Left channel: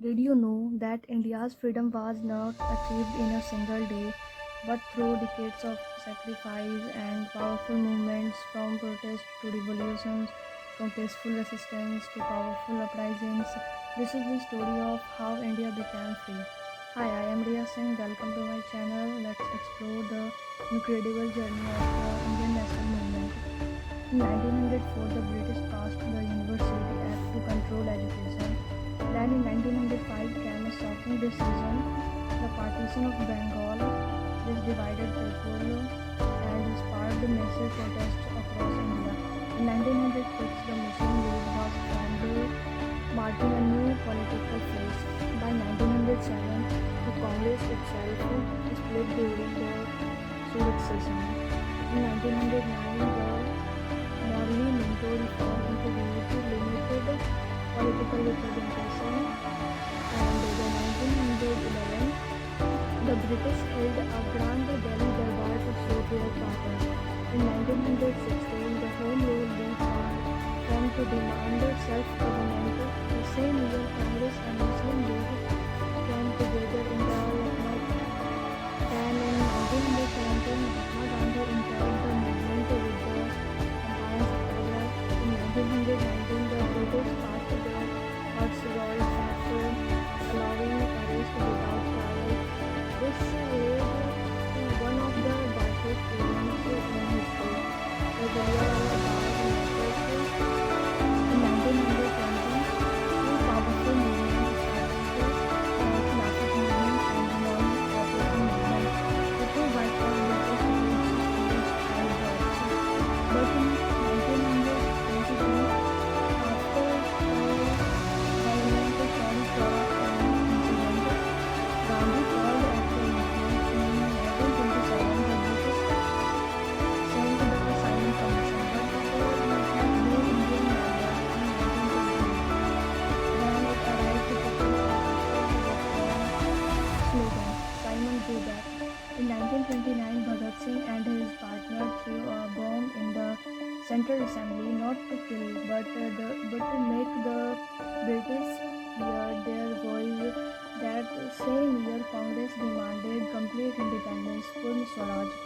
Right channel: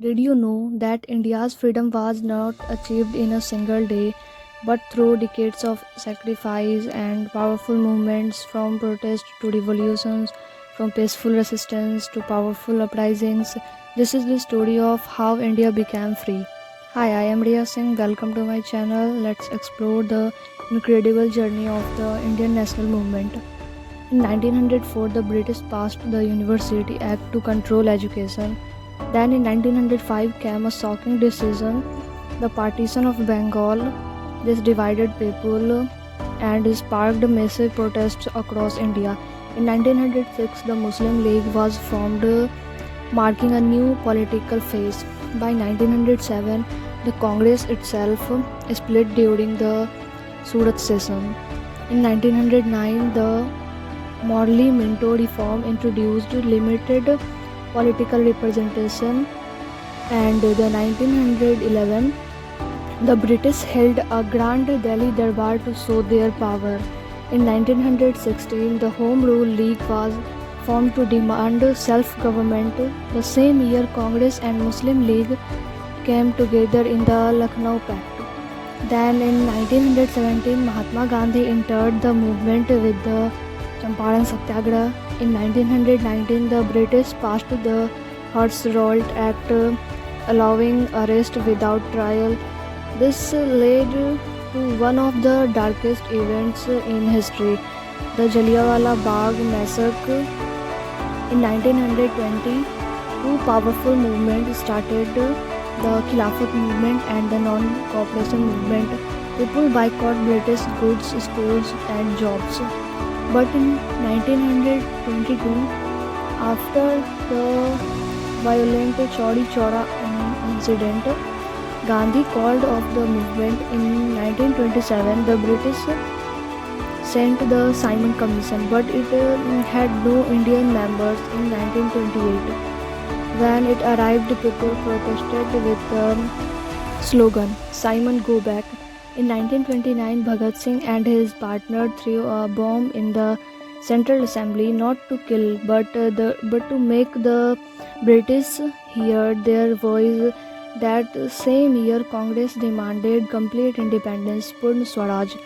Did you know that India's freedom was not achieved in a single day, but through decades of sacrifice and powerful movements from protest to revolutions, from peaceful resistance to powerful uprisings? This is the story of how India became free. Hi, I am Riya Singh. Welcome to my channel. Let's explore the incredible journey of the Indian national movement. In 1904, the British passed the University Act to control education. Then in 1905 came a shocking decision, the partition of Bengal. This divided people and sparked massive protests across India. In 1906, the Muslim League was formed, marking a new political phase. By 1907, the Congress itself split during the Surat session. In 1909, the Morley Minto reform introduced limited political representation, and the 1911 the British held a grand Delhi Darbar to show their power. In 1916 the Home Rule League was formed to demand self-government. The same year Congress and Muslim League came together in the Lucknow Pact. Then in 1917 Mahatma Gandhi entered the movement with the Champaran Satyagraha. In 1919, the British passed the Hurst-Rolt Act, allowing arrest without trial. This led to one of the darkest events in history, the Jallianwala Bagh massacre. In 1920, two powerful movements started, the Khilafat movement and the non-cooperation movement. People boycotted British goods, schools and jobs. But in 1922, after the violent Chaudi Chaura incident, Gandhi called off the movement. In 1927, the British sent the Simon Commission, but it had no Indian members. In 1928, when it arrived, people protested with the slogan, "Simon, go back." In 1929, Bhagat Singh and his partner threw a bomb in the Central Assembly, not to kill, but to make the British hear their voice. That same year, Congress demanded complete independence, Purna Swaraj.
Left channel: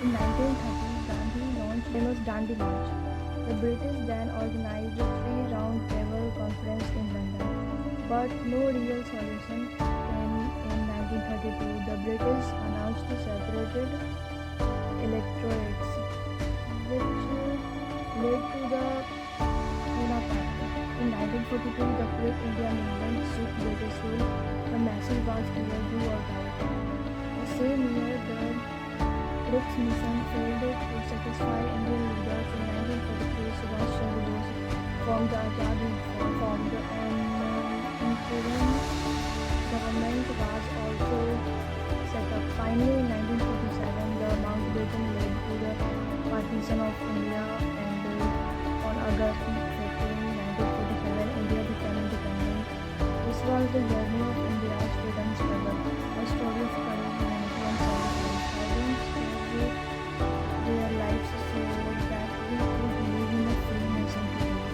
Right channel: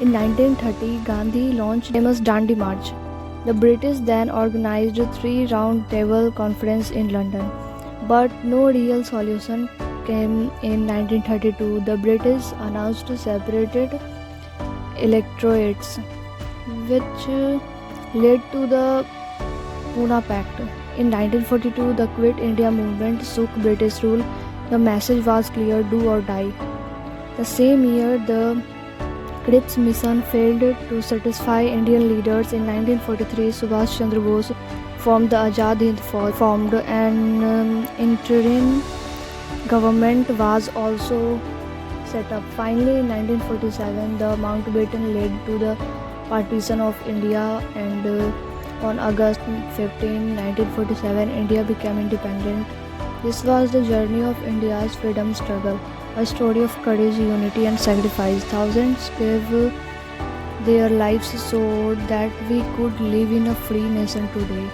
In 1930, Gandhi launched famous Dandi March. The British then organized three round-table conferences in London, but no real solution came. In 1932, the British announced separated electorates, which led to the Pune Pact. In 1942, the Quit India movement shook British rule. The message was clear: do or die. The same year, the Cripps mission failed to satisfy Indian leaders. In 1943, Subhash Chandra Bose formed the Azad Hind Fauj, formed an interim government was also set up. Finally, in 1947, the Mountbatten led to the partition of India, and on August 15, 1947, India became independent. This was the journey of India's freedom struggle, a story of courage, unity, and sacrifice. Thousands gave their lives so that we could live in a free nation today.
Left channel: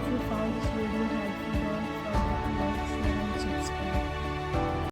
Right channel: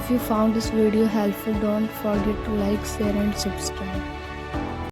If you found this video helpful, don't forget to like, share, and subscribe.